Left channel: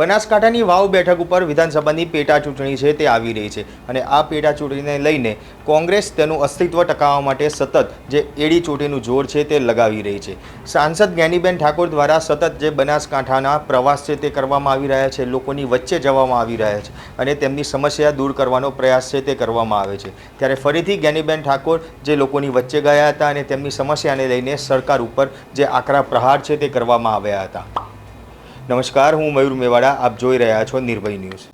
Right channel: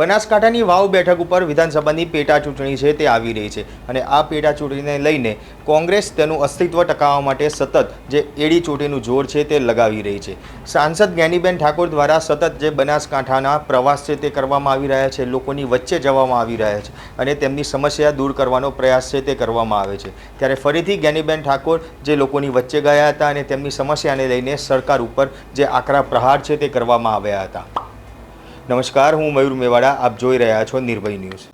બનાસકાંઠાની વાવ બેઠક ઉપર વિધાનસભાની પેટા ચૂંટણી છે તે આવી રહી છે અને આ પેટા ચૂંટણીને લઈને કોંગ્રેસ તેનું અસ્તિત્વ ટકાવવા માટે સતત જે એડી ચોટીનું જોર છે તે લગાવી રહી છે. સાંસદ જ્ઞાનીબેન ઠાકોર દ્વારા સતત જે બનાસકાંઠાના પ્રવાસ છે તે કરવામાં આવી રહ્યા છે, લોકોની વચ્ચે જવામાં આવી રહ્યા છે અને તેમની સમસ્યા દૂર કરવાનો પ્રયાસ છે તે કરવામાં આવે છે. ત્યારે ફરીથી જ્ઞાનીબેન ઠાકોર જે લોકોની વચ્ચે ગયા હતા અને તેમની સમસ્યાને લઈને સરકાર ઉપર જે આકરા પ્રહાર છે તે કરવામાં આવ્યા હતા. નમસ્કાર, હું મયુર મેવાડા, આપ જોઈ રહ્યા છો નિર્ભય ન્યૂઝ.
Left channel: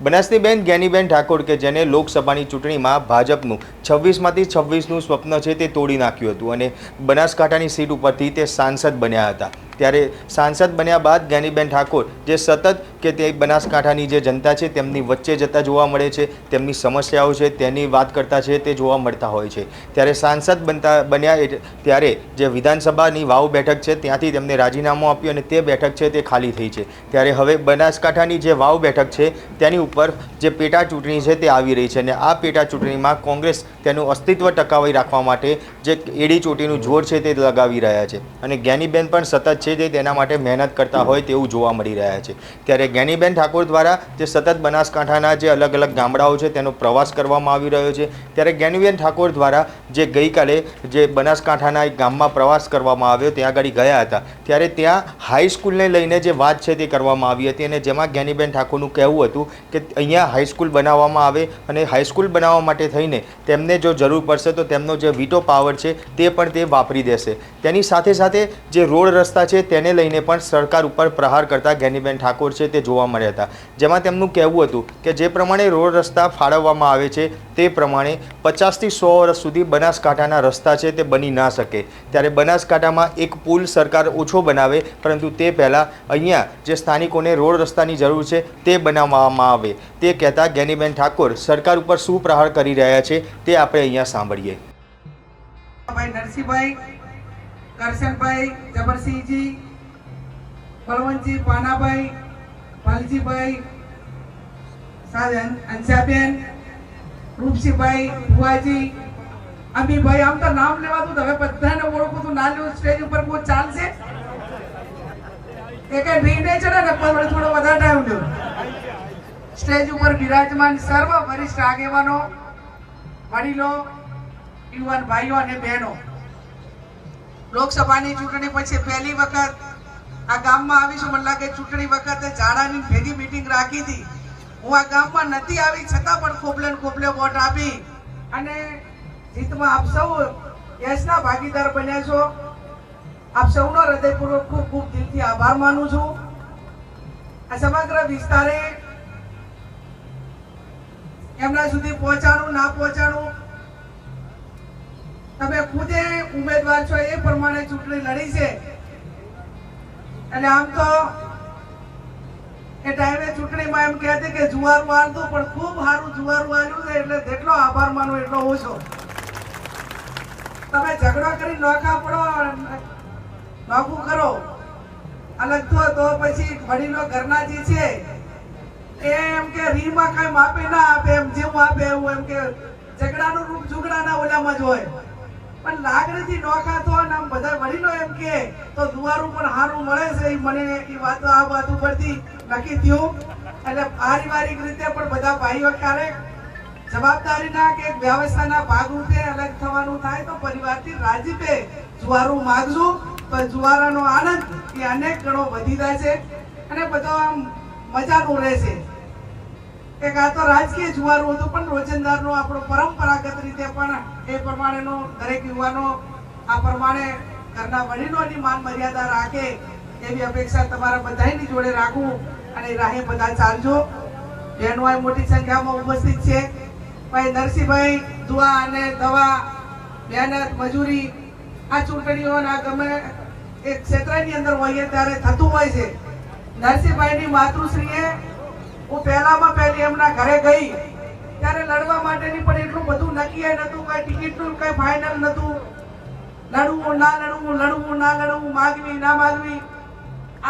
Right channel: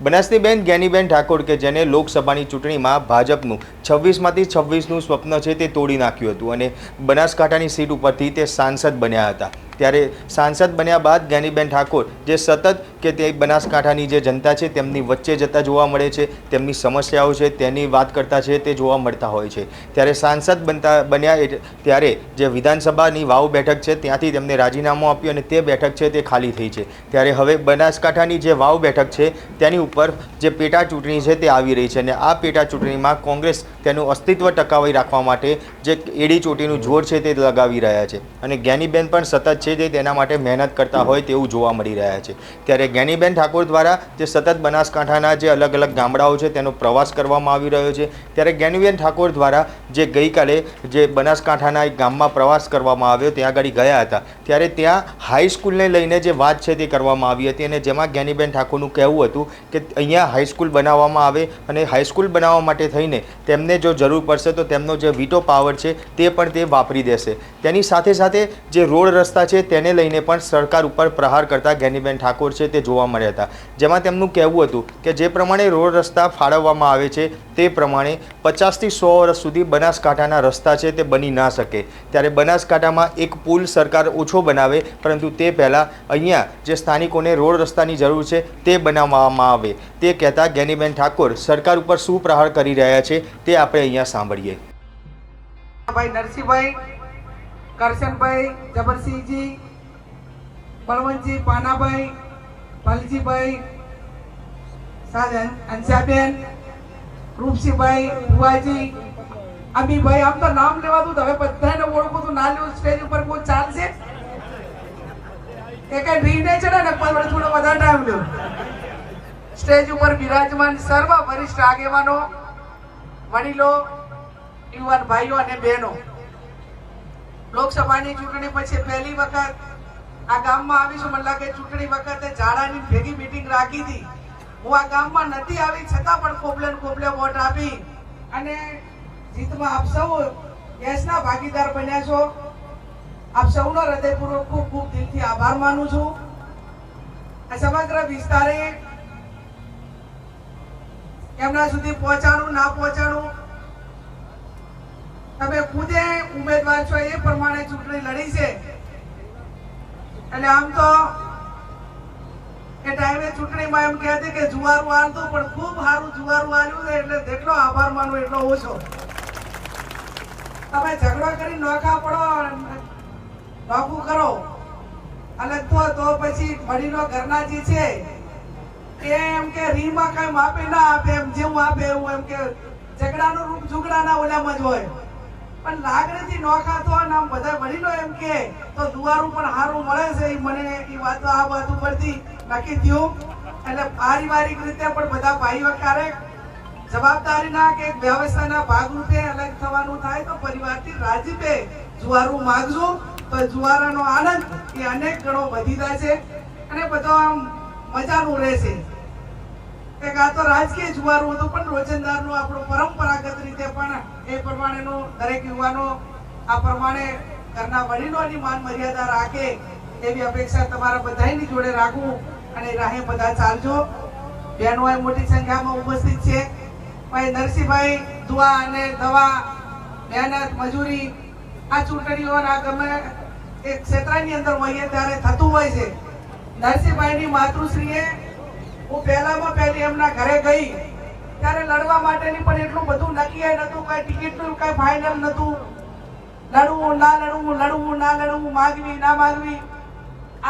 બનાસનીબેન જ્ઞાનીબેન ઠાકોર કે જેને લોકસભાની ચૂંટણીમાં ભાજપનું છવ્વીસમાંથી છવ્વીસનું સ્વપ્ન છે તે તોડી નાખ્યું હતું અને બનાસકાંઠાની સીટ ઉપરથી તે સાંસદ બન્યા હતા. ત્યારે સાંસદ બન્યા બાદ જ્ઞાનીબેન ઠાકોર જે સતત કે તે બનાસકાંઠાની જે જનતા છે તેમની વચ્ચે જતા જોવા મળે છે, તેમની સમસ્યાઓ છે, તેની વાત કરતા છે, તે જોવા મળતા હોય છે. ત્યારે સાંસદ બનતા બન્યા ત્યારે જે વિધાનસભાની વાવ બેઠક છે ત્યાંથી તેમને રાજીનામું આપ્યું અને તે બેઠક છે તે ખાલી થઈ છે. ત્યારે હવે બનાસકાંઠાની જે વાવ બેઠક છે તેની ઉપર જે પેટા ચૂંટણી છે તે આવી રહી છે અને આ પેટા ચૂંટણીમાં કોંગ્રેસ તેનું અસ્તિત્વ ટકાવી રાખવા માટે જે એડી ચોટીનું જોર છે તે લગાવી રહ્યા છે. અને જ્ઞાનીબેન પણ સતત છે તે તેના માટે મહેનત કરતા હોય તેવું જોવા મળી રહ્યા છે. ત્યારે જ્ઞાનીબેન ઠાકોર દ્વારા જે સતત બનાસકાંઠાના જે અલગ અલગ ગામડાઓ છે તેનો પ્રવાસ કરવામાં આવી રહ્યો છે. ત્યારે જ્ઞાનીબેન ઠાકોર દ્વારા જે ગઈકાલે જે બનાસકાંઠાના એક ગામમાં પ્રવાસ કરવામાં આવ્યો, ત્યાં આગળ ગયા હતા. ત્યારે ત્યાં હાઈસ્કૂલને લઈને જે વાત છે તે કરવામાં આવી હતી અને જેમાં જ્ઞાનીબેન ઠાકોરનું કહેવું હતું કે અહીંયા હાઈસ્કૂલ બનાવવામાં આવે અને હાઈસ્કૂલ બનાવવા માટે થઈને તેમને જો જરૂર પડશે તો તેમનો જે વીટો પાવર છે તે પણ તે વાપરી દેશે. તેની સાથે સાથે જે રોડ રસ્તા છે તેને લઈને પણ સરકાર ઉપર પ્રહાર કરતા જ્ઞાનીબેન ઠાકોર છે તે જોવા મળ્યા હતા. જેમાં તેમનું કહેવું હતું કે જે પ્રમાણે રોડ રસ્તા ફાળવવામાં આવે છે, તે પ્રમાણે પચાસથી સો વર્ષ સુધી બનાસકાંઠાના રસ્તા છે તે બની ના શકે. ત્યારે બનાસકાંઠામાં એક પુલ સરકાર ઓછો બનાવે, પરંતુ તે પહેલાં અહીંયા જે સ્થાનિકોને રોડ રસ્તાની જરૂર છે તે બનાવવામાં આવે. તે કહેતા ગેનીબેન ઠાકોર, સરકાર ઉપર શું પ્રહાર કરી રહ્યા છે તે આપણે અહીંયા સાંભળીએ. ભાઈ નરસિંહભાઈ કરશનભાઈ, જબરસિંહજી, બળવંતજી પાનાભાઈ ભલજીભાઈ અંશાબેન, રૂપસિંહભાઈ, ભુવાજી, અમીભાઈ, આમ તો નામ લેવાતું હવે બધાને ઓળખું તું ના લેવું સ્ટેજ ઉપર કોઈ ચાલશે. કે કઈ ભીડ નહીં ચડે ને પણ થોડો વધારે ટાઈમ લ્યો. સ્ટેજ ઉપર બિરાજમાન સર્વ વરિષ્ઠ આગેવાનો, વડીલો, યુવાન ભાઈઓ અને બહેનો. લોકસભાની ચૂંટણી પછી પહેલી વખત આ ગામમાં આવી છું. મને લાગે ચૂંટણી વખતે ઝાડાની ભેગી મીટિંગ રાખી હતી. હું આ ગામમાં નથી આવી, છતાં પણ ખોબલે ખોબલે વોટ આપી અને જીતમાં આપ સૌ યશના ભાગીદાર બન્યા છો. આપ સૌનો હૃદયપૂર્વક ખૂબ ખૂબ દિલથી આભાર માનું છું. આ સમગ્ર વિસ્તારે એમના સુધી પહોંચાડું, ના પહોંચાડું તમે ખુદે ઉમેદવાર છો એ પ્રમાણે ચૂંટણી લડી છે. એટલે આમ તો એ ટાઈમે ચૂંટણીમાં એમ કહેતી કે જુવારું હાલતું પણ ખૂબ સારું જુવારું હાલ્યું છે, એટલે જેટલો આભાર માનો એટલો ઓછો. તમે ઝઘડો કરી નોખા પડો, નોખું કરો. અલગ થો તો પછી વડીલો ઘરના જે છે એમ કે રીમાં કઈ માપી ના આપે, એમ જેવું આપે એવું એમ કે ઝઘડાનું રૂપ ઝુગડાના ઓલામાં જ હોય. પણ લાગણીથી નોખા તો ને આમ બધા વડીલો એમ કે, તો દુવારું પણ સારું મળે છે. એ મને એ વાતો આ વાત ઉપરથી નક્કી થયું. એટલે પારિવારિક રીતે પણ બધા ભાઈઓ ક્યારેક જવાબદારીના કે વ્યવસ્થાના ભાગરૂપે અલગ થવાનું થાય તો પરિવારથી રાજીપે જુવારું માગજો. તો જુવારાનો આનંદ એ અનેક ગણો વધી જાય છે. અને બધો આમ મજાનું રહેશે. એક આ તો રાજકીય જુવારું હતું, પણ રોજંદારનું આપણો પરંપરાગત રીતે પણ એ પ્રમાણેનું દરેક યુવાનો આ પ્રમાણે ઘરના વડીલોની માન મર્યાદા રાખે એવી અપેક્ષા તમારા બધાની જોડે રાખું અને રાહે બધા ચાલજો. બહેનો એ મોટી સંખ્યામાં ઉપસ્થિત છે. ભાઈ નરસિંહભાઈ દુઆ અને દવા, મહેનત, મજૂરી, આ ચૂંટણીઓના ગમે એ ક્ષેત્રની અંદર હોઈએ ત્યારે થતું હોય છે. નરસિંહભાઈની માતૃશ્રીએ હું પહેલામાં પહેલી એમના ઘરે ગઈ, ત્યારે લડવા માટેની પણ એટલું બધું નક્કી નતું કઈ ટિકિટનું કઈ ફાઇનલ નતું લડવું, ના લડવું લડવું, ના લડવું, માગવી, ના માગવી.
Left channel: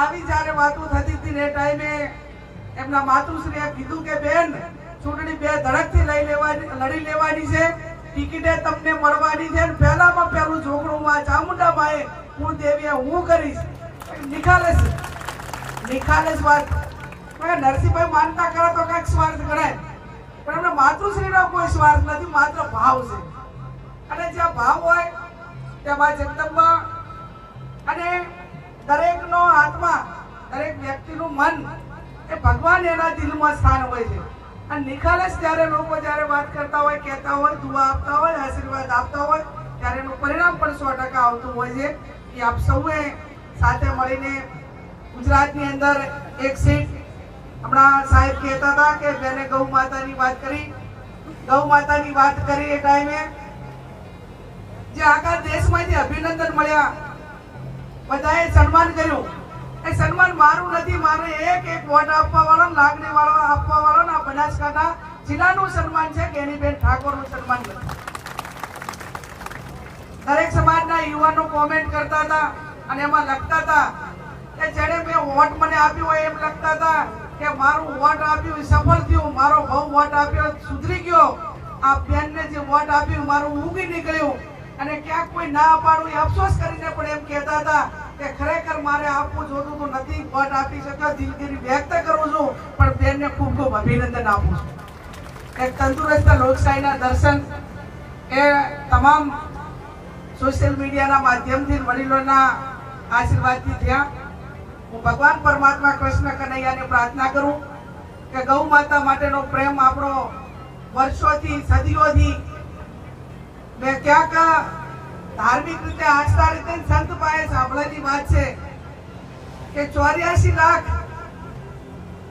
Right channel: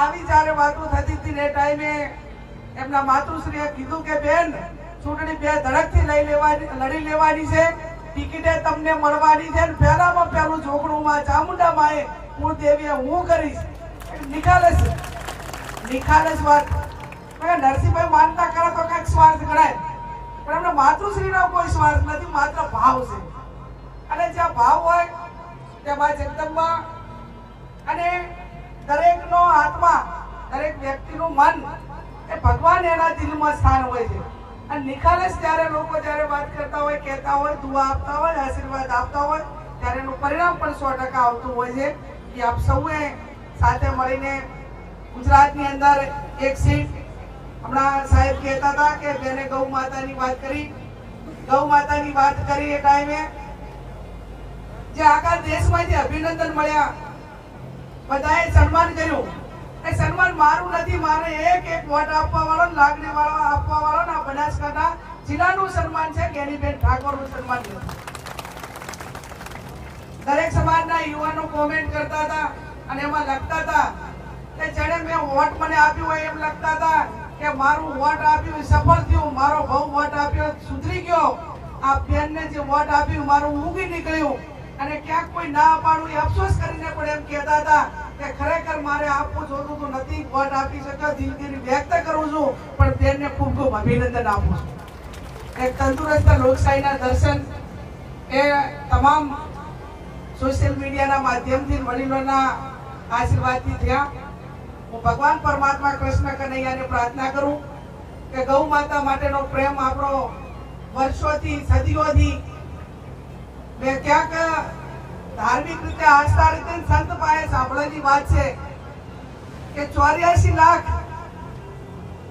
આવી જ્યારે વાતો થતી હતી ને ટાઈમે એમના માતુશ્રીએ કીધું કે, બેન, ચૂંટણી બે ધડકથી લઈ લેવાની, લડી લેવાની છે. ટિકિટે તમને મળવાની છે ને પહેલામાં પહેલું ઝોકડું માં ચામુંડા માએ કુળદેવીએ હું કરીશ. નિખાલસ નિખાલસ વાત. નરસિંહભાઈ માનતા કરે તો કંઈક સ્વાર્થ ગણાય. પણ એમને માતૃશ્રીનો કોઈ સ્વાર્થ નથી, માત્ર ભાવ છે. અને જ્યાં ભાવ હોય, ત્યાં મા જગદંબા. અને દરેકનો આત્મા, દરેક વ્યક્તિનું મન, એ ભગવાન એના દિલમાં સ્થાન હોય છે. અને નિખાલસ જ્યારે લોકો જ્યારે વાત કરતા હોય, કહેતા હોય, દુઆ આપતા હોય, આશીર્વાદ આપતા હોય, ત્યારે એનું પરિણામ પણ સો ટકા આવતું હોય છે. કે આપ સૌએ સાથે મળીને ગુજરાતની અંદર એક સીટ હમણાં સાહેબ કહેતા હતા કે બેને ગૌ માતાની વાત કરી. ગૌ માતાની વાત કરી એ ટાઈમે. જે આખા જે અભિનંદન મળ્યા. બધાએ સન્માન કર્યું. એ સન્માન મારું નથી, મારે એક એક વોટ આપવા વાળો લાગણી વાળો આપવા વાળો ને બનાસકાંઠા જિલ્લાનું સન્માન છે, ગેનીબેન ઠાકોરનું સન્માન નથી દરેક સમાજના યુવાનો કોમેન્ટ કરતા હતા અને એમાં લખતા હતા કે જેને મેં વોટ મને આપ્યો હોય એમ લખતા હતા. કે મારું વોટ આપ્યું સફળ થયું. મારો ભાવ વોટ આપ્યો, સુધરી ગયો. આ બેનને જે વોટ આપ્યું, મારું ઊંઘી નીકળ્યું. અને ક્યાંક કોઈ ના પાડું એ અફસોસ કરીને પણ એમ કહેતા હતા કે ખરેખર મારે આપવું જોતું તો નથી વોટ આપી શક્યો દિલગીરી વ્યક્ત કરું છું, પણ બેનને ખૂબ ખૂબ અભિનંદન આપું છું. એક તંદુરસ્ત લોકશાહીના દર્શન એ તમામ સોશિયલ મીડિયાના માધ્યમથી વડીલોના આશીર્વાદથી થયા. હું ભગવાન પરમાત્મા કૃષ્ણ કનૈયાને પ્રાર્થના કરું કે ગૌ માતા માટેનો પ્રેમ આપણો વર્ષોથી, સદીઓથી મેં ક્યાંક ધાર્મિક રીતે આસ્થા રીતે સંત પાસે સાંભળેલી વાત છે કે ચોર્યાસી લાખ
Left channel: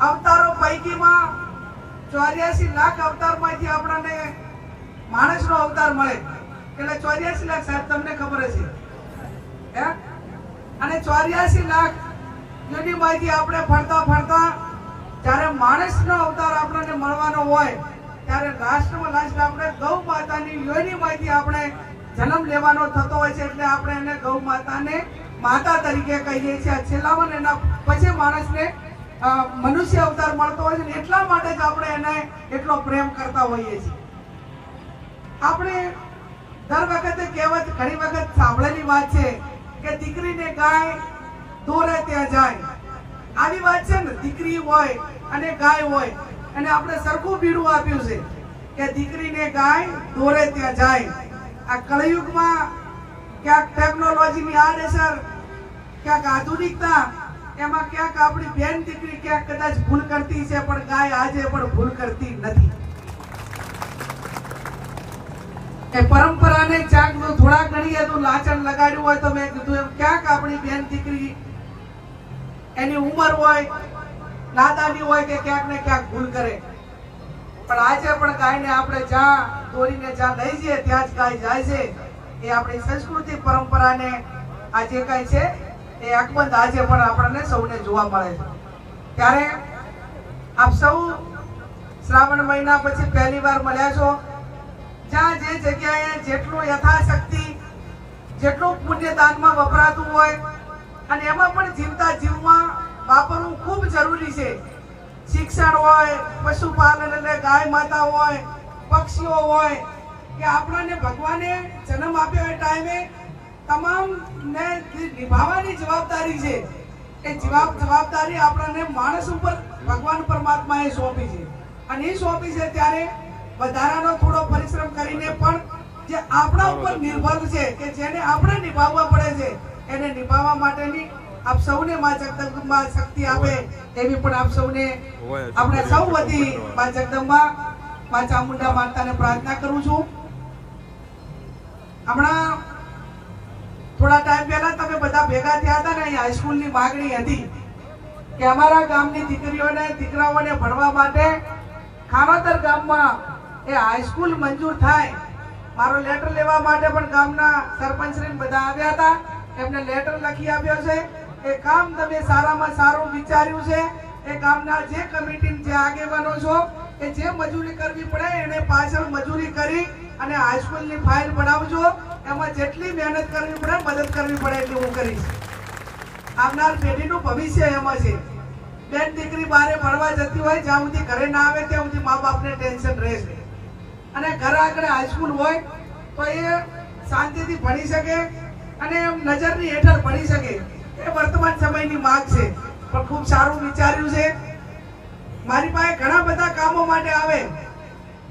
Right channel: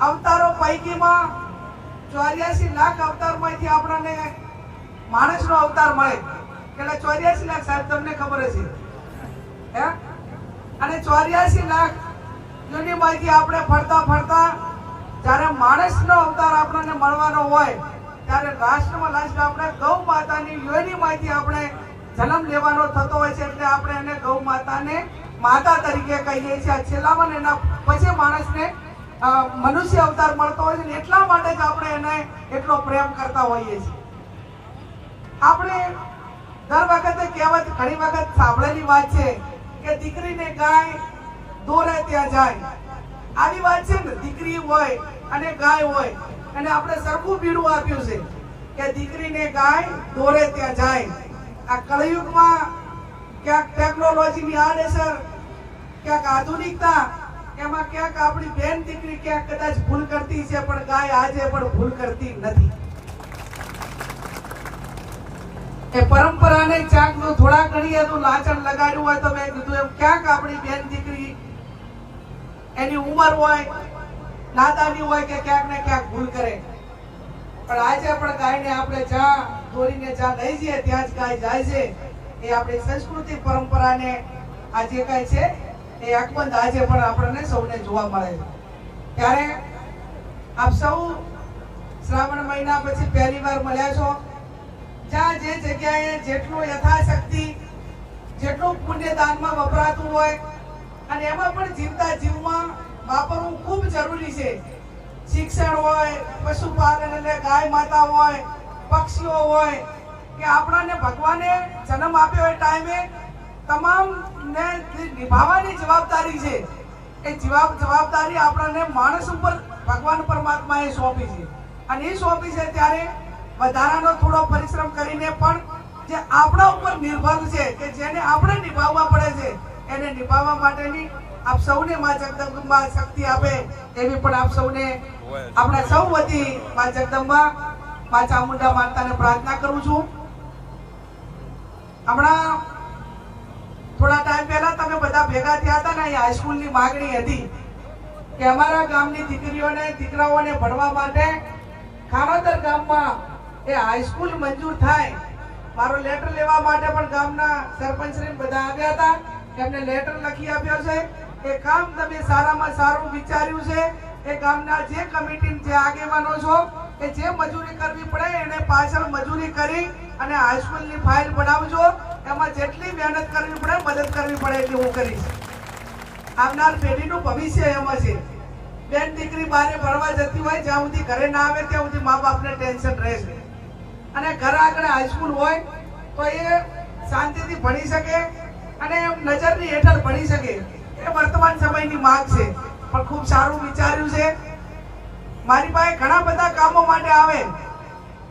અવતારો પૈકીમાં ચોર્યાસી લાખ અવતારમાંથી આપણને માણસનો અવતાર મળે. એટલે ચોર્યાસી લાખ સાહેબ, તમને ખબર હશે. અને ચોર્યાસી લાખ યોનિમાંથી આપણે ફરતા ફરતા જ્યારે માણસનો અવતાર આપણને મળવાનો હોય, ત્યારે રાષ્ટ્રમાં લાસ્ટ આપણે ગૌ માતાની યોનિમાંથી આપણે જન્મ લેવાનો થતો હોય છે એટલે આપણે એને ગૌ માતાને માતા તરીકે કહીએ છીએ. છેલ્લામાં એના પછી માણસને મનુષ્ય અવતાર મળતો હોય છે એટલા માટે જ આપણે એને એટલો પ્રેમ કરતા હોઈએ છીએ. આપણે દર વખતે કહેવત ઘણી વખત સાંભળેલી વાત છે કે દીકરીને ગાય દોરે ત્યાં જાય. આવી વાત છે ને, દીકરી હોય અને ગાય હોય, અને આપણે સરખું ભીડું આપ્યું છે કે દીકરીને ગાય દોરે ત્યાં જાય. આ કળયુગમાં ક્યાંક ટેકનોલોજીની આડેસર ક્યાંક આધુનિકતા, એમાં ક્યાંક આપણી બેન દીકરી ક્યાંક કદાચ ભૂલ કરતી છે, પણ ગાય આજે પણ ભૂલ કરતી નથી. એ પરંપરાને ક્યાંક થોડા ઘણી તો લાચણ લગાડ્યું હોય તો મેં કીધું એમ, ક્યાંક આપણી બેન દીકરી એની ઉંમર હોય નાદાની હોય કે ક્યાંક ને ક્યાંક ભૂલ કરે. પણ આજે પણ ગાયને આપણે જ્યાં દોરીને જ્યાં લઈ જઈએ, ત્યાં જ ગાય જાય છે. એ આપણી સંસ્કૃતિ પરંપરાને આજે કાંઈ છે, એ અકબંધ આજે પણ આપણને સૌને જોવા મળે છે. ત્યારે આપ સૌ શ્રાવણ મહિના પછી પહેલી વાર મળ્યા છો. જ્યાં જે જગ્યાએ જેટલું યથાશક્તિ, જેટલું પુણ્ય દાનમાં વપરાતું હોય અને એમાં પણ જીવતા જીવમાં વાપરવું ખૂબ જરૂરી છે. શિક્ષણ હોય, પશુપાલન એટલે ગાય માતા હોય, પક્ષીઓ હોય, કે આપણાને ભગવાને જન્મ આપ્યો એ ટાઈમે તમામ ને નિભાવવાની જવાબદારી છે, એ જવાબ જવાબદારી આપણને માણસ ઉપર, ભગવાન પરમાત્માએ સોંપી છે. અને એ સોંપી છે ત્યારે વધારાનો થોડો પરિશ્રમ કરીને પણ જે આપણા ઉપર નિર્ભર છે, કે જેને આપણે નિભાવવા પડે છે એને નિભાવવા માટેની આપ સૌને માં જગદંબા શક્તિ આપે એવી પણ આપ સૌને આપણે સૌ વતી માં જગદંબા, માં ચામુંડા માતાને પ્રાર્થના કરું છું. હમણાં થોડા ટાઈમ પહેલા તમે બધા ભેગા થયા હતા ને અહીં હાઈસ્કૂલની માગણી હતી કે અમારા ગામની દીકરીઓને, દીકરાઓને ભણવા માટે ખાનોદર ગામમાં એ હાઈસ્કૂલ મંજૂર થાય. મારો લેટર લેવા માટે પણ ગામના સરપંચશ્રી બધા આવ્યા હતા. એમને લેટર લખી આપ્યો છે. એ કામ તમે સારામાં સારું વિચાર્યું છે. એ કામના જે કમિટી જે આગેવાનો છો કે જે મજૂરી કરવી પડે એને પાછળ મજૂરી કરી અને હાઈસ્કૂલની ફાઇલ બનાવજો. એમાં જેટલી મહેનત કરવી પડે, મદદ કરવી પડે એટલી હું કરીશ. આવનાર પેઢીનું ભવિષ્ય એમાં છે. બેન દીકરી બારે ભણવા જતી હોય, જ્યાં સુધી ઘરે ના આવે, ત્યાં સુધી મા બાપને ટેન્શન રહેશે અને ઘર આગળ હાઈસ્કૂલ હોય, તો એ શાંતિથી ભણી શકે. અને એમ નજરની હેઠળ ભણી શકે. એ વર્તમાન સમયની માંગ છે. પણ ખૂબ સારું વિચાર્યું છે. મારી પાસે ઘણા બધા કામો માટે આવે.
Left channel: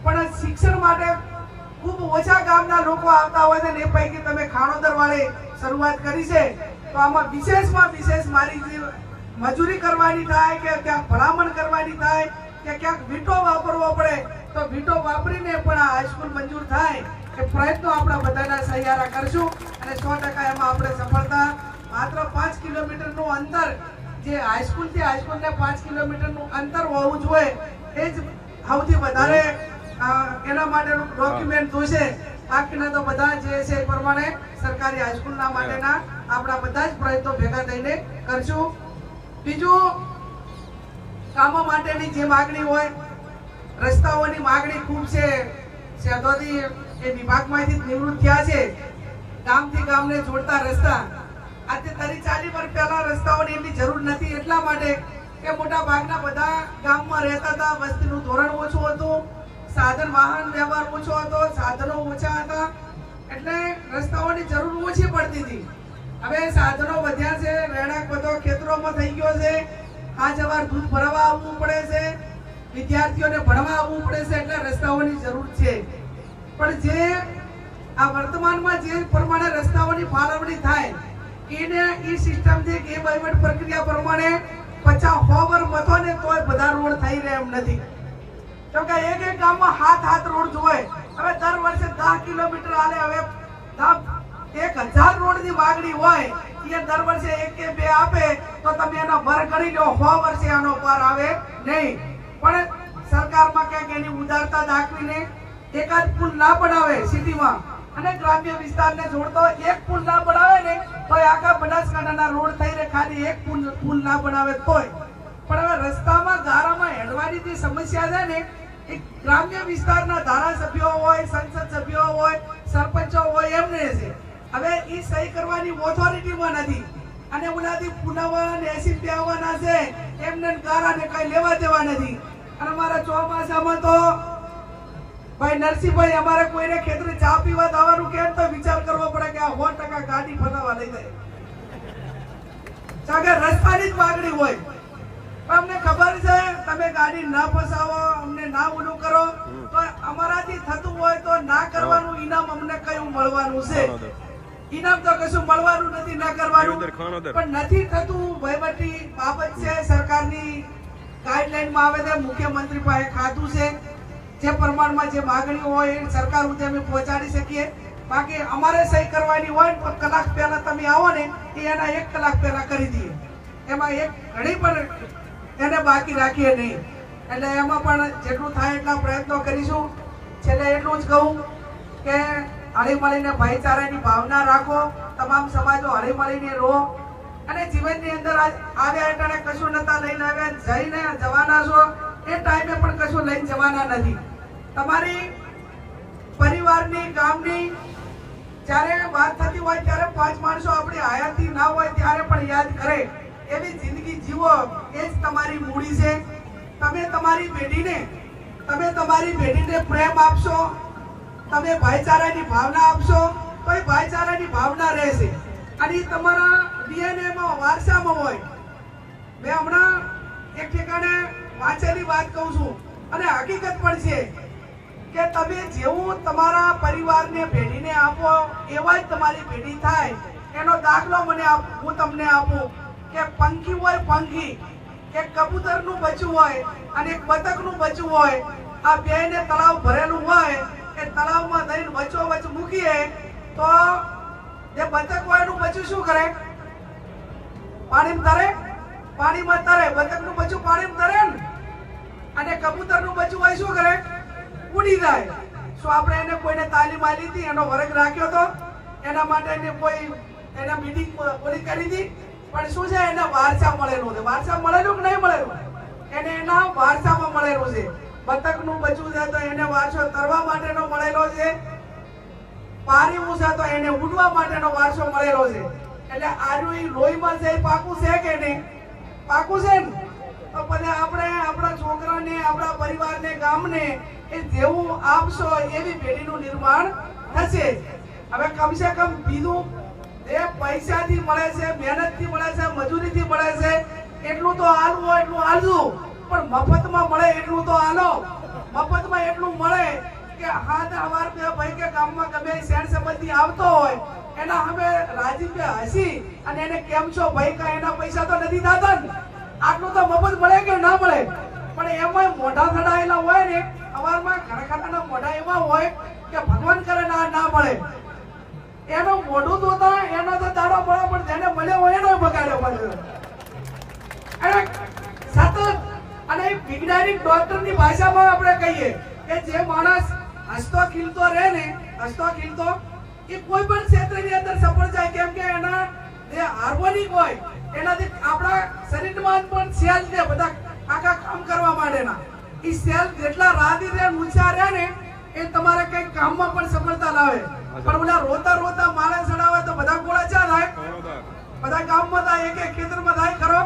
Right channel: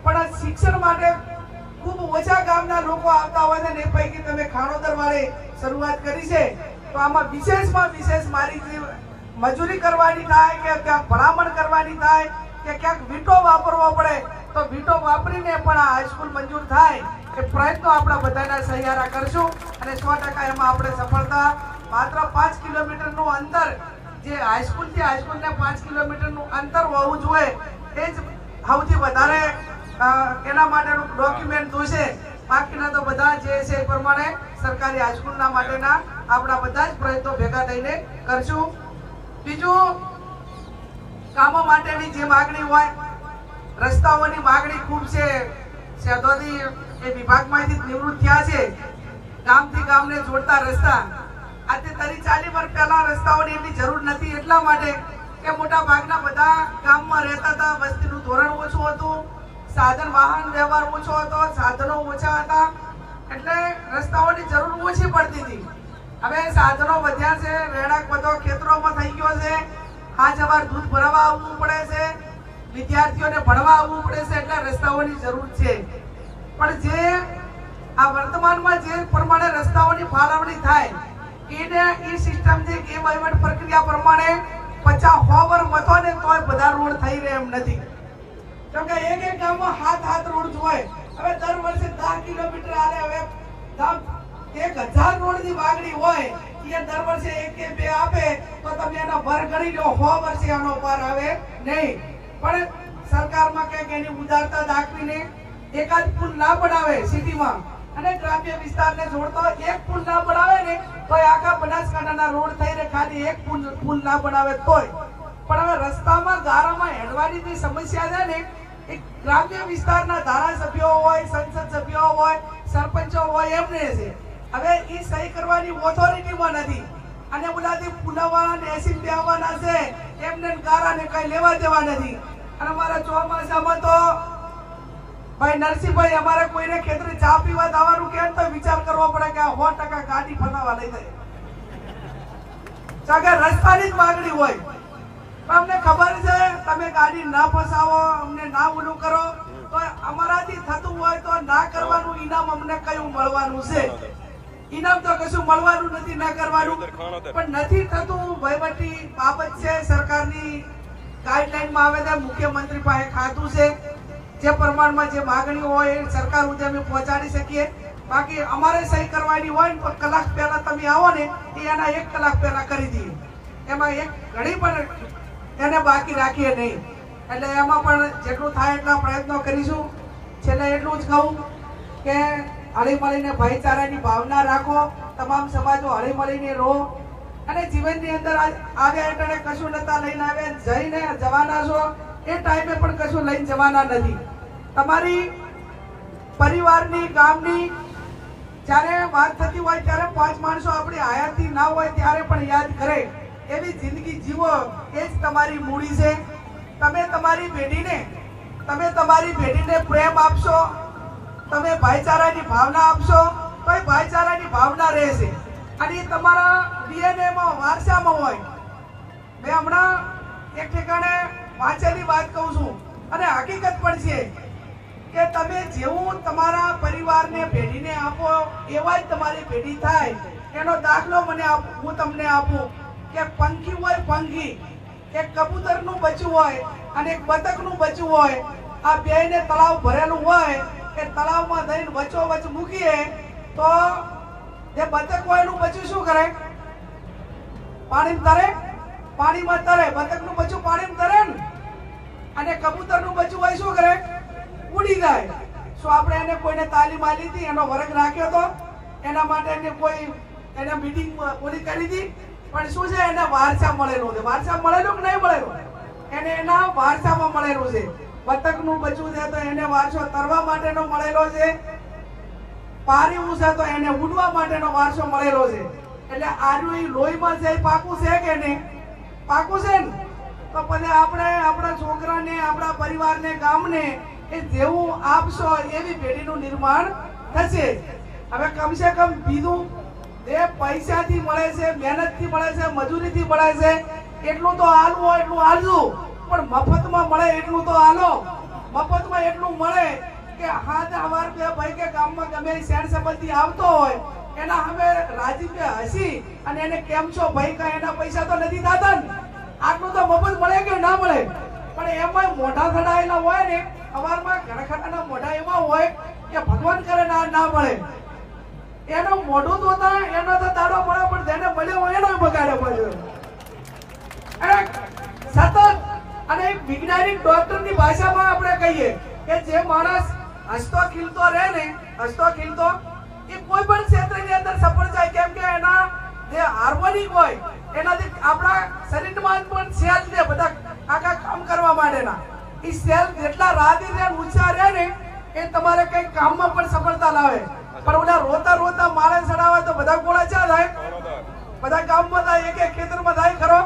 પણ શિક્ષણ માટે ખૂબ ઓછા ગામના લોકો આવતા હોય છે ને એ પૈકી તમે ખાણોદર વાળે શરૂઆત કરી છે. તો આમાં વિશેષમાં વિશેષ મારી મજૂરી કરવાની થાય કે ક્યાંક ભલામણ કરવાની થાય કે ક્યાંક વીટો વાપરવો પડે, તો વીટો વાપરીને પણ આ હાઈસ્કૂલ મંજૂર થાય. એ પ્રયત્નો આપણા બધાના સહિયારા કરશું અને સો ટકા એમાં આપણે સફળતા. માત્ર પાંચ કિલોમીટરનું અંતર જે હાઈસ્કૂલથી હાઈસ્કૂલને પાંચ કિલોમીટરનું અંતર હોવું જોઈએ, એ જ સૌથી વધારે એના માટેનું ડોક્યુમેન્ટ જોશે. બાકીના તો બધા જે છે એ પ્રમાણે સરકારી હાઈસ્કૂલના માટેના આપણા બધા જ પ્રયત્નો ભેગા થઈને કરશું. બીજું, કામો માટેની જે માગણી હોય, રસ્તાઓની માગણી ખૂબ છે. શહેદોથી એ વિભાગમાંથી નિવૃત્ત થયા છે, ગામથી ગામને જોડતા રસ્તા. આજે તરી ચાલી વર્ષ પહેલા રસ્તાઓની એટલી જરૂર નથી, એટલા માટે કે મોટા ભાગના બધા ગામમાં રહેતા હતા, વસ્તીનું ધોરણ ઓછું હતું, સાધન વાહન વ્યવહાર ઓછો હતો, સાધનો ઓછા હતા, એટલે રસ્તાઓની જરૂર ઓછી પડતી હતી. હવે સાધનો વધ્યા છે, રહેણાંક બધો ખેતરોમાં થઈ ગયો છે આ જવાર દૂધ ભરવા આવવું પડે છે, વિદ્યાર્થીઓને ભણવા આવવું પડે છે, એટલે રસ્તાઓની જરૂર છે. પણ જે આ વર્તમાનમાં જે પ્રમાણે રસ્તાઓની ફાળવણી થાય, એને એ સિસ્ટમથી કે વહીવટ પ્રક્રિયા પ્રમાણે પચાસ હોવર મતો ને તોય બધા રોડ થઈ રહે એમ નથી. કેમ કે એક એક ગામમાં હાથ હાથ રોડ જોય હવે દર વર્ષે દસ કિલોમીટર આલે હવે એક હજાર રોડની માગણી હોય એ દર વર્ષે એક કે બે આપે, તો તમે એનો ભર ગણી લો સો વર્ષે એનો પાર આવે નહીં. પણ સરકારમાં ક્યાંક એની ઉદારતા દાખવીને એકાદ પુલ ના બનાવે સિટીમાં. અને ગ્રામ્ય વિસ્તારને જોડતો એક પુલ ના બનાવે ને તો આખા બનાસકાંઠાના રોડ થઈ રહે ખાલી એક પુલ પુલ ના બનાવે તોય. પણ હવે રસ્તામાં ગારામાં હેડવાની જે સમસ્યા છે ને, એ ગ્રામ્ય વિસ્તારના ધારાસભ્યો હોય, સંસદ સભ્યો હોય, સરપંચો હોય, એમને છે. હવે એ સહી કરવાની ઓથોરિટીમાં નથી. અને બોલાથી પુનાવાળાને એસી આવવાના છે. એમને ગારાને કઈ લેવા દેવા નથી. અને અમારા ચોમાસામાં તો ભાઈ નરસિંહભાઈ, અમારે કોઈને ખેતરે ચા પીવા જવાનું કેમ તો વિચાર કરવો પડે કે સો ટકા ગાડી ફસાવા લઈ જાય. કારણ રસ્તાની જ માગણી હોય અમને ખબર છે, તમે ગાડી ના ફસાવો, અમને ના ઓલું કરો. તો અમારાથી થતું હોય તો ના કરવાનું ઇનામ અમને કયું મળવાનું છે? ઇનામ તો કશું મળવાનું નથી, ના કરવાનું. પણ નથી થતું વહીવટી બાબત છે સરકારની. ગાઈડલાઈનમાં આવે છે મુખ્યમંત્રી પાસે ખાતું છે. જે પ્રમાણમાં જે માગણી હોય એ સરકાર સુધી અમે પહોંચાડી શકીએ. બાકી અમારે સહી કરવાની હોય ને કલાક પહેલા તમે આવો ને, એ એના એક કલાક પહેલા કરી દઈએ. એમાં એક ઘડી પણ એને બાકી રાખીએ નહીં. એટલે એમાં પણ જેટલું થાય એટલા પ્રયત્નો કરીશું. છેલ્લે એટલું જ કહું કે હળીમળીને ભાઈચારાની ભાવના રાખો. તમામ સમાજો હળીમળીને રહો. અને જીવનની અંદર આજ આવ્યા એટલે કશું નતા લઈને આવ્યા. જઈને જવાના છો. એ ટાઈમે પણ કશું લઈને જવાના નથી. તમારી પરિવારની, ગામની જ્યારે વાત થતી હોય ત્યારે પાંચ માણસો આપણી હયાતી ના હોય ત્યારે પણ યાદ કરે. એવી જિંદગી જીવો, એ જ તમારી મૂડી છે. તમે તમારી બેટીને તમે તમારી બેટીને પ્રેમ આપશો, તમે ભાઈચારાની ભાવના આપશો, તો એ ભાઈચારાની ભાવના રહેશે. અને એ તમારા ડીએનએમાં વારસામાં હોય. મેં હમણાં એક ઠેકાણે વાંચેલી વાત કહું છું. અને હકીકત પણ છે કે તમે જેવું તમારા પરિવારને પેઢીને આપો, એવા જ તમારી પેઢી થાય. એનો દાખલો મને હું તમને આપું કે પંખી હોય પંખી, એક કબૂતરનું બચ્ચું હોય અને એક બતકનું બચ્ચું હોય. આ બેને તળાવ ભરેલું હોય, એ તળાવમાં દઈને વચ્ચો વચ્ચ મૂકીએ, તો જે બતક હોય એનું બચ્ચું શું કરે? પાણીમાં તરે? પાણીમાં તરે. બતકનું બચ્ચું પાણીમાં તરે ને? અને કબૂતરનું બચ્ચું હોય શું કરે? ઉડી જાય. શું આપણે એને કોઈને તાલીમ આપી હતી, એનો વર્ગ રાખ્યો હતો. એના માટે એને કોઈ, એને મીટિંગ પૂરી કરી હતી. પણ શું છે, એને વારસા મળેલું છે. વારસા મળેલું કે નહીં મળેલું? એને એના વારસામાં મળેલું છે. બતકનું બચ્ચું છે તો એને વારસો તરવા માટેનો મળેલો છે. પારીવું છે તો એને ઉડવા માટેનો વારસો મળેલો છે. એટલે આનું લોહીમાં છે, પાકું છે કે નહીં? પાકું છે ને? તો પછી આપણે આપણા છોકરાને, આપણા પરિવારને, ગામને એ જેવું આપશો એવી પેઢીનું નિર્માણ થશે. હવે કમસે કમ બીજું જે પૈસાથી મળે છે, મહેનતથી મળે છે, મજૂરીથી મળે છે, એટલું તો હોય એટલું હાલજો. પણ મફતમાં મળે એટલું તો હાલો. મફતમાં એટલું મળે કે હાથ હવાર બે ભાઈ કે ગામમાં ગમે શેણ સંબંધી આવતો હોય, એના અમે રાજીપે હસી અને એને કેમ છો ભાઈ કા એના પૈસા તો નથી થતા ને? આટલું તો મફત મળે કે ના મળે? પણ એમાં મોઢા થડાયેલા હોય ને અમારમાં ઘરખાનાના મોઢા એવા હોય કે ભગવાન કરે ના ના મળે. એનું મોઢું ધોતા એનો તો દાડો મળે, પણ જેને મળ્યો હોય એનો બગાડ્યો પડ્યો. અને સતત, અને એક વૈજ્ઞાનિક ડોક્ટરની ભાષામાં આપણે કહીએ કે જે માણસ હસતો ખીલતો રહે ને, હસતો ખીલતો, એ કોઈ પણ ક્ષેત્રની અંદર સફળ જાય. કેમ કે એના જે હાર્મોનિક હોય એનાથી આપણા શરીરમાં પણ સેલ ને બધા આખા કામ કરવા માટેના. એ સેલ જેટલા રાધી રહે ઊંચા રહે ને, એ તમારે કઈ કામમાં પણ સફળતા લાવે. પણ ઓલા રોતા રોતા માણસ ચડાવે તો બધા ગોળા ચા થાય? બધા ગામમાં થાય, એક એક ખેતરમાં થાય, ખરો?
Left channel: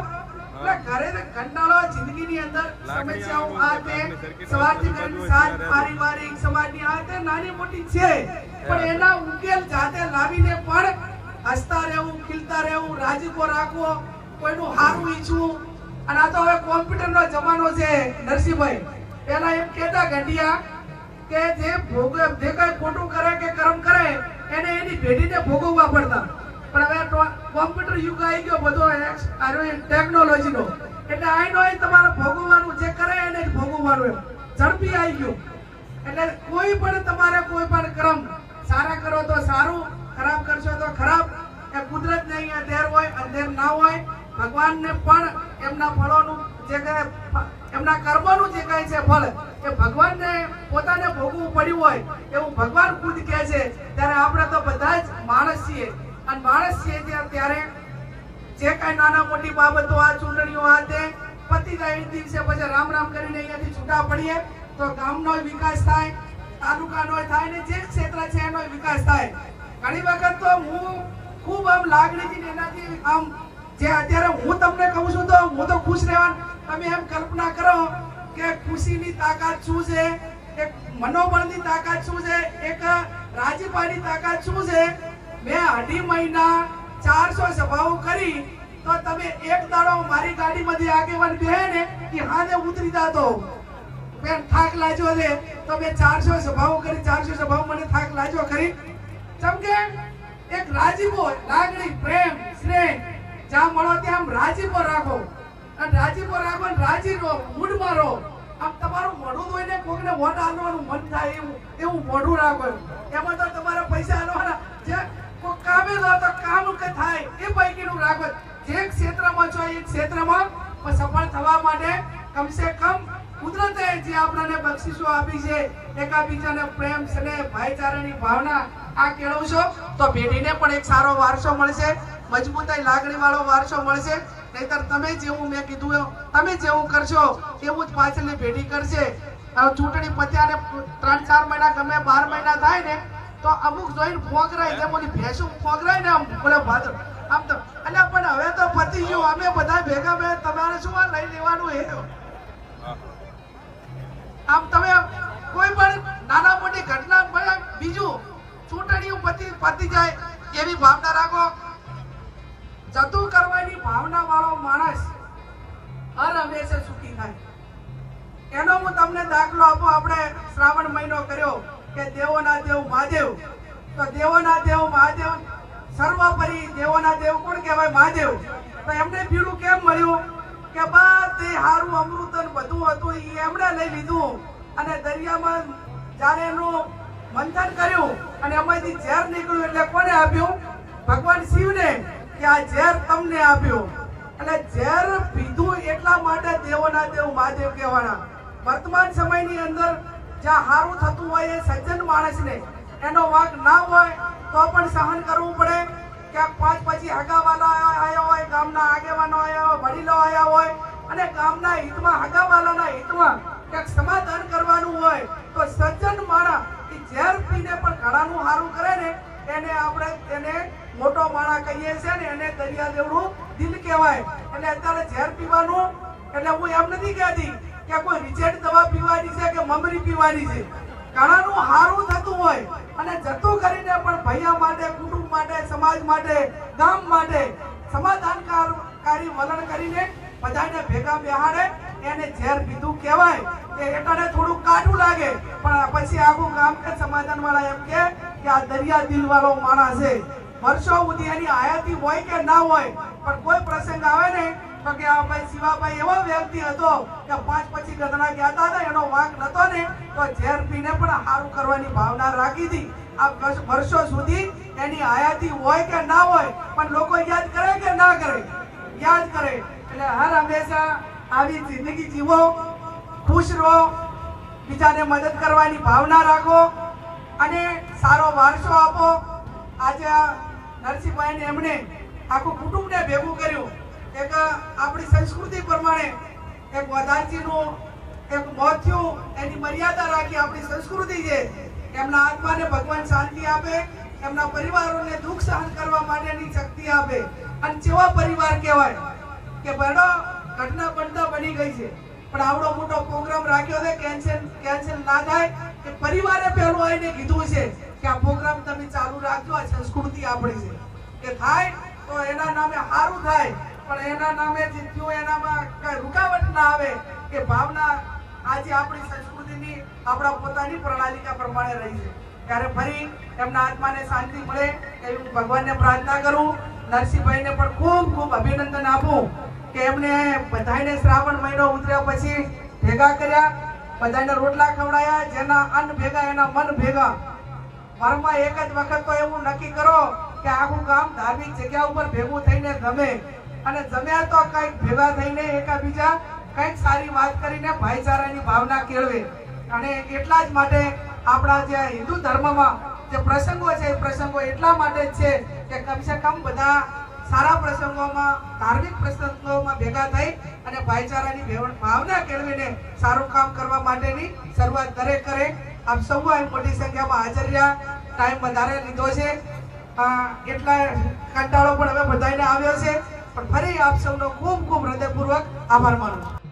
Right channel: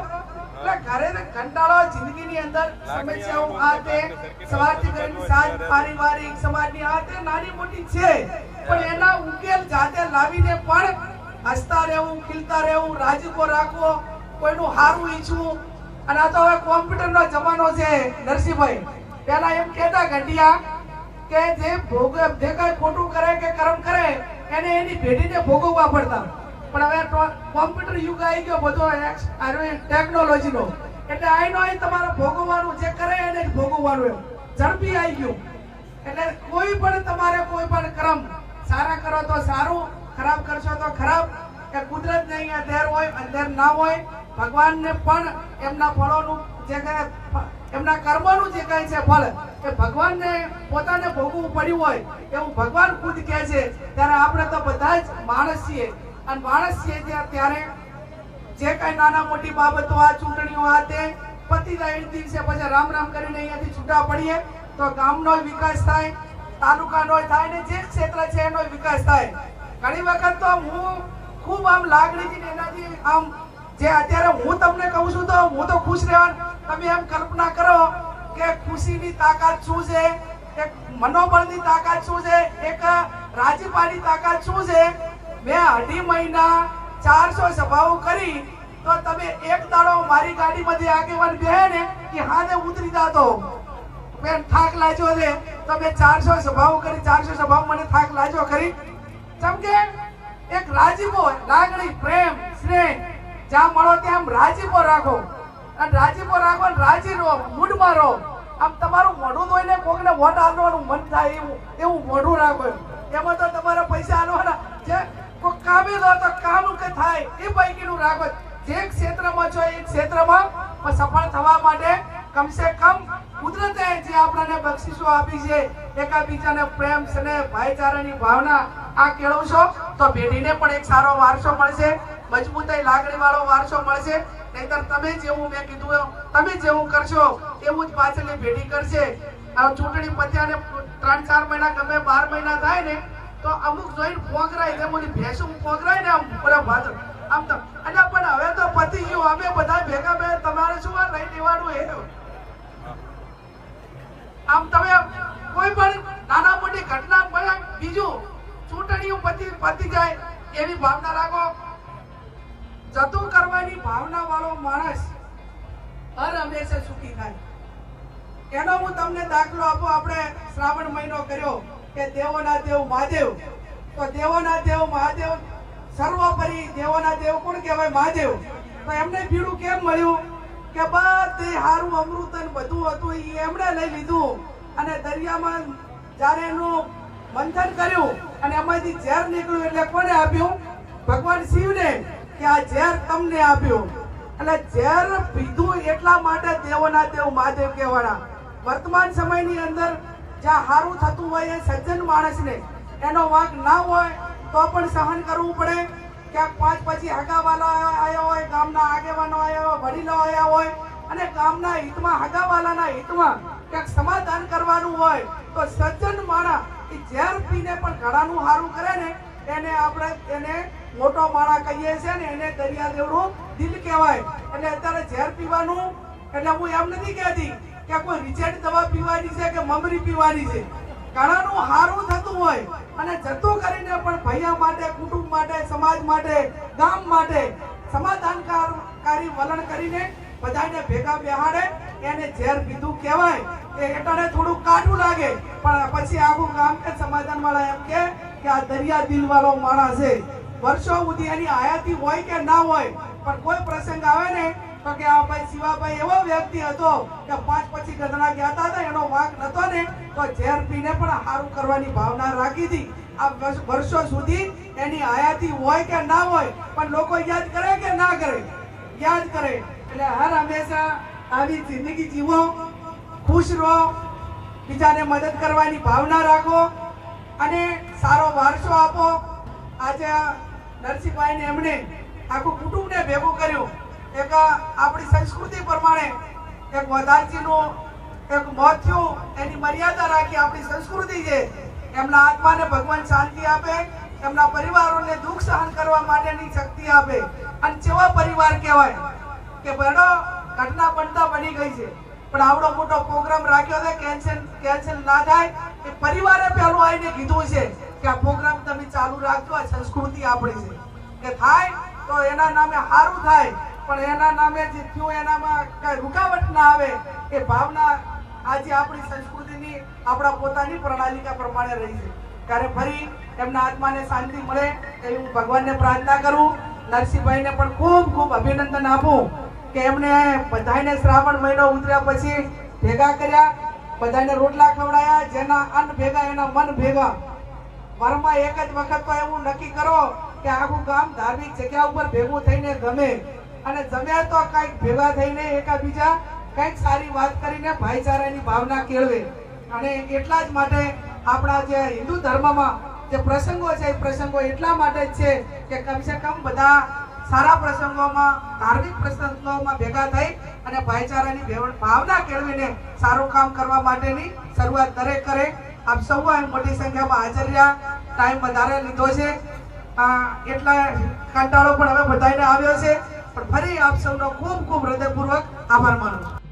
એટલે ઘરે ને કંટાળો જિંદગીની અંદર સમસ્યાઓ આ તે સવારથી કરીને સાંજ પારિવારિક સમાજની આ તે નાની મોટી છે. પણ એના ઉકેલ જાતે લાવીને પણ હસતા રહેવું, ખીલતા રહેવું રાજીપો રાખવો, કોઈનું હારું ઈચ્છવું. અને આ તો હવે કોમ્પ્યુટરનો જમાનો છે, નરસિંહભાઈ. પહેલા એમ કહેતા ઘટિયા કે જે ભોગ જે કઈ ખોટું કરે કે કર્મ કરે, એને એની ભેટીને ભોગવવા પડતા. પણ હવે કોમ્પ્યુટર યુગ આવી ગયો બધો ટેકનોલોજીનો. એટલે આઈનો એ તમારે ભોગવવાનું જે કરે એને જ ભોગવવાનું એમ. ઝડપી આવી ગયું. એટલે કોઈ પણ તમારે કોઈ પણ ક્રમ સારા કરો તો સારું ખરાબ કરશો તો ખરાબ. એ કુદરત ને અહીંયા દેર હોય, અંધેર ના હોય, ભગવાનને પણ એમના ફળોનું જે કાંઈ એમના કર્મનું જે કાંઈ છે ફળ એ ભગવાનને પોતાને ભોગવવું પડ્યું હોય, એવું ભગવાન ખુદ કહે છે. ત્યારે આપણે તો બધા જ માણસ છીએ. અને માણસ છીએ ત્યારે જે કાંઈ નાના મોટી બાબતો આ ચૂંટણીઓ આ તે પતી જાય દિવસે પછી રામ રામ કરીને અહીંયાથી છૂટા પડીએ, તો ગામનો વિકાસ થાય, તાલુકાનો થાય ને જે ક્ષેત્ર છે એનો વિકાસ થાય. ઘણી વખત તો હું ખૂબ આમ લાગણીથી એનાથી આમ જે અત્યારે હું તમને કહું છું તો હું તો ખુશ રહેવાનું. તમે એમ કલ્પના કરો કે ખુશીની તાકાત શું છે? એક મનોબળની તાકાત શું છે? એક રાજીપાની તાકાત શું છે? મેં અઢી મહિના ચારસો સભાઓ કરી તો તમે એક દાડો મારી ગાડીમાંથી આગેવાન બે ને કે હાથે ઉતરી જાતો. બેન થાક લાજો છે. તમે ચારસો સભાઓ કરી, ચારસો સભાઓ મને થાક લાજો ખરી. જેમ કે એક રાજીપો લાગણી, પ્રેમ, સ્નેહ, જ્યાં મળો ત્યાં રાજીપો રાખો. અને રાજીપો રાખો રાજી રહો, મૂડમાં રહો. આમ તમારું મોઢું ધોઈને કોકને વોટ આપવાનું મન થાય એવું એવું મોઢું રાખો એમાં. તો તમારા પૈસા આલવાના. જે કોઈ કામે લો તો કામ કે થાય, એ પૈકીનું રાખો. જે ક્ષેત્રમાં છો એ ક્ષેત્રમાં સફળ થવા માટે કમસે કમ કુદરતે જે આપણને બક્ષિસો આપી છે, એકાબીજાને પ્રેમ, સ્નેહ, ભાઈચારાની ભાવના આ કેળવશો તો પેઢીને પણ એક સારો વારસો મળશે, મજબૂતાઈ લાગણી વાળો વારસો મળશે. નહીતર તમે જેવું મેં કીધું તમે જેવું કરશો તેવું જ પાછળની પેઢી કરશે. ચૂંટણી પત્યાને ત્રણ ચાર મહિના ગમે બાર મહિના થાય ને, તો અમુક જોઈને ફોગરાય તે બોલી ભેંસું ફોગરાય ને આમ બોલે ભાદર. આમ તો એટલે પણ હવે તો પતી ગયું, અમે બધા ભેગા ભેગા તમારે શું આ લઈ લેવાનું એ આમ તમે કોઈ પણ નાના મોટી ઘટના બીજું ચૂંટણીઓ પતી પતી જાય એવી ભાવના રાખો. જતું કરવાની ભાવના વાળો માણસ હર હંમેશા સુખી થાય. એનો હું તમને દાખલો આપો. આપણે શ્રાવણ મહિનો કર્યો કે દેવોના દેવ મહાદેવ. તો દેવોના દેવ મહાદેવ સર્વોપરી દેવોના દેવ કોણ કહેવાય? મહાદેવ. તો એમને ભીડું કેમ મળ્યું? કે બધે હારું અમૃતન બધું હતું એ એમણે લઈ લીધું. અને દરિયામાં જ્યારે એનું મંથન કર્યું અને એમાંથી ઝેર નીકળ્યું એટલે કોને આપ્યું? ભગવાન શિવને કે આ ઝેર તમને આપ્યું. એટલે ઝેર પીધું એટલા માટે દેવોના દેવ મહાદેવ કહેવાના. વર્તમાન સમયની અંદર જ્યાં સારું થતું હોય એ સજ્જન માણસને એનો વાંક ના હોય તો પણ સહન કરવું પડે. ક્યાંક પાંચ પછી હગાવાલા આવ્યા હોય, ગામના આગેવાનો આવ્યા હોય, વડીલો આવ્યા હોય અને ગામના હિતમાં, હગાવાલાના હિતમાં ક્યાંક સમાધાન કરવાનું હોય તો સજ્જન માણસ એ ઝેર પીને પણ ઘણાનું સારું કરે ને, એને આપણે, એને મોટો માળા કહીએ છીએ ને, એને દરિયા દેવડું દિલ કહેવાય. એટલે અત્યારે ઝેર પીવાનું, એટલે હું એમ નથી કહેતી કે કોઈ રિજેક્ટ દવા પીવાની છે કે મમરી પીવાની છે. ઘણાનું હારું થતું હોય અને જતું કરીને પણ ભૈયા માટે, કુટુંબ માટે, સમાજ માટે, ગામ માટે સમાધાનકારી વલણ કરીને બધાને ભેગા બેહાડે એને ઝેર પીધું કહેવાય એ થોડું કાઢું લાગે. પણ પછી આખું ગામ કે સમાધાન વાળા એમ કે આ દરિયા દિલ વાળો માણસ વર્ષો સુધી એની આયાતી હોય કે ના હોય, પણ કોઈ પ્રસંગ આવે ને તો કે આ ભાઈ શિવાભાઈ એવો વ્યક્તિ હતો કે પાંચ પછી ગધના ગયા હતા એનો વાંક નતો ને, તો ઝેર પીને પણ સારું કરવાની ભાવના રાખી હતી. આ વર્ષો સુધી એની આયાતી હોય કે ના હોય, પણ લોકો યાદ કરે કે ના કરે? યાદ કરે. એટલે હર હંમેશા આવી જિંદગી જીવો, ખુશ રહો, બીજાને મદદ કરવાની ભાવના રાખો અને સારો વારસો આપો. આજે આ નરસિંહભાઈને એમણે આખું કુટુંબને ભેગું કર્યું. એક આપણી સંસ્કૃતિ પ્રમાણે એક મદારજીનું એક મોત થયું, એની મર્યાદા રાખી આપણી સંસ્કૃતિ છે. એમના આત્માને ભગવાન શાંતિ આપે, એમના પરિવારોને દુઃખ સહન કરવા માટેની શક્તિ આપે. અને જેવા પરિવાર કહેવાય કે બહેનો ઘટના બનતા બની ગઈ છે. પણ આવડો મોટો પ્રોગ્રામ રાખ્યો છે કેન્સલ કેન્સલ ના થાય એ પરિવારે પહેલું આવીને કીધું છે કે આ પ્રોગ્રામ તમે ચાલુ રાખજો, આ સંસ્કૃતિ આપણી છે. કે થાય તો એના નામે સારું થાય, પણ એના નામે જે થયું એનામાં કઈ રૂકાવટ ના આવે એ ભાવના આજે આપણી સંસ્કૃતિની, આપણા પોતાની પ્રણાલિકા પ્રમાણે રહી છે. ત્યારે ફરી એમના આત્માને શાંતિ મળે એવી હું ભગવાનને પ્રાર્થના કરું. નરસિંહભાઈને પણ ખૂબ ખૂબ અભિનંદન આપું. કે એમને બધાને શ્રાવણ મહિનો ઉતર્યા પછી ભેગા કર્યા બધાને રોટલા ખવડાયા, જેના અન્ન ભેગા, એના મન ભેગા. વારમાં એક જ વખત તો એવું નક્કી કરો કે આખું ગામ ધાર્મિક જગ્યા ઉપર ભેગું થઈને ગમે. અને જમ્યા તો કંઈક ભેગા થઈને એકાબીજા કંઈક સારી વાત કરીને ભાઈચારાની ભાવના કેળવે. અને એટલા જ માટે આપણા જે હિન્દુ ધર્મમાં જે પ્રસંગો છે, એ પ્રસંગો એટલા માટે જ છે કે કમસે કમ બધા સારા પ્રસંગોમાં, ધાર્મિક પ્રસંગોમાં ભેગા થઈ અને ભાઈચારાની ભેવ- ભાવના કેળવીને સારું કામ કરવા માટેની શરૂઆત દરેક કરે. આપ સૌ મોટી સંખ્યામાં હાજર રહ્યા. ટાઈમ વધારે લીધો છે. એટલા કંટાળો પણ હવે બધાને આવ્યો છે. પણ ફરી આપ સૌનો ખૂબ ખૂબ હૃદયપૂર્વક આભાર માનું છું.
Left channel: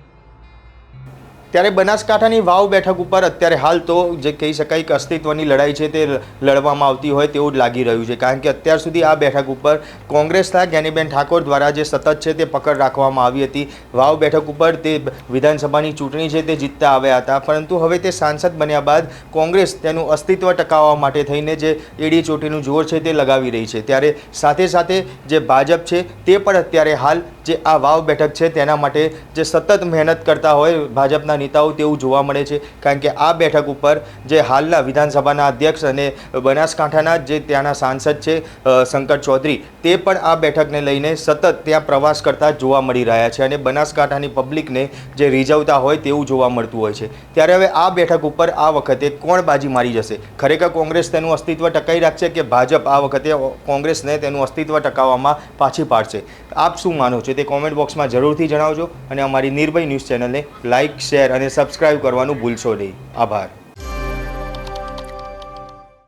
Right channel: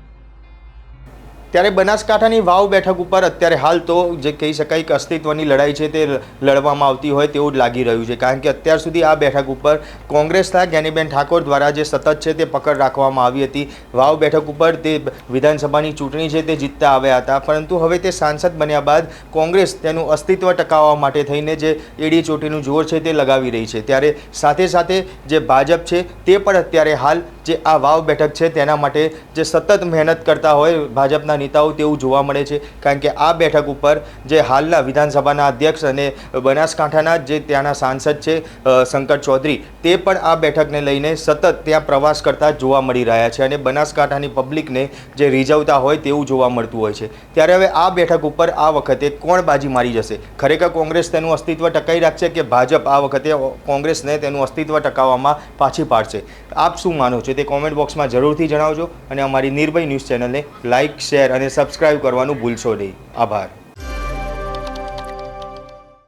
ત્યારે બનાસકાંઠાની વાવ બેઠક ઉપર અત્યારે હાલ તો જે કહી શકાય કે અસ્તિત્વની લડાઈ છે તે લડવામાં આવતી હોય તેવું જ લાગી રહ્યું છે. કારણ કે અત્યાર સુધી આ બેઠક ઉપર કોંગ્રેસના જ્ઞાનીબેન ઠાકોર દ્વારા જે સતત છે તે પકડ રાખવામાં આવી હતી. વાવ બેઠક ઉપર તે વિધાનસભાની ચૂંટણી છે તે જીતતા આવ્યા હતા. પરંતુ હવે તે સાંસદ બન્યા બાદ કોંગ્રેસ તેનું અસ્તિત્વ ટકાવવા માટે થઈને જે એડી ચોટીનું જોર છે તે લગાવી રહી છે. ત્યારે સાથે સાથે જે ભાજપ છે તે પણ અત્યારે હાલ જે આ વાવ બેઠક છે તેના માટે જે સતત મહેનત કરતા હોય ભાજપના નેતાઓ તેવું જોવા મળે છે. કારણ કે આ બેઠક ઉપર જે હાલના વિધાનસભાના અધ્યક્ષ અને બનાસકાંઠાના જે ત્યાંના સાંસદ છે શંકર ચૌધરી, તે પણ આ બેઠકને લઈને સતત ત્યાં પ્રવાસ કરતા જોવા મળી રહ્યા છે અને બનાસકાંઠાની પબ્લિકને જે રીઝવતા હોય તેવું જોવા મળતું હોય છે. ત્યારે હવે આ બેઠક ઉપર આ વખતે કોણ બાજી મારી જશે? ખરેખર કોંગ્રેસ તેનું અસ્તિત્વ ટકાવી રાખશે કે ભાજપ આ વખતે કોંગ્રેસને તેનું અસ્તિત્વ ટકાવવામાં પાછી પાડશે? આપ શું માનો છો તે કોમેન્ટ બોક્સમાં જરૂરથી જણાવજો અને અમારી નિર્ભય ન્યૂઝ ચેનલને લાઇક શેર અને સબસ્ક્રાઇબ કરવાનું ભૂલશો નહીં. આભાર.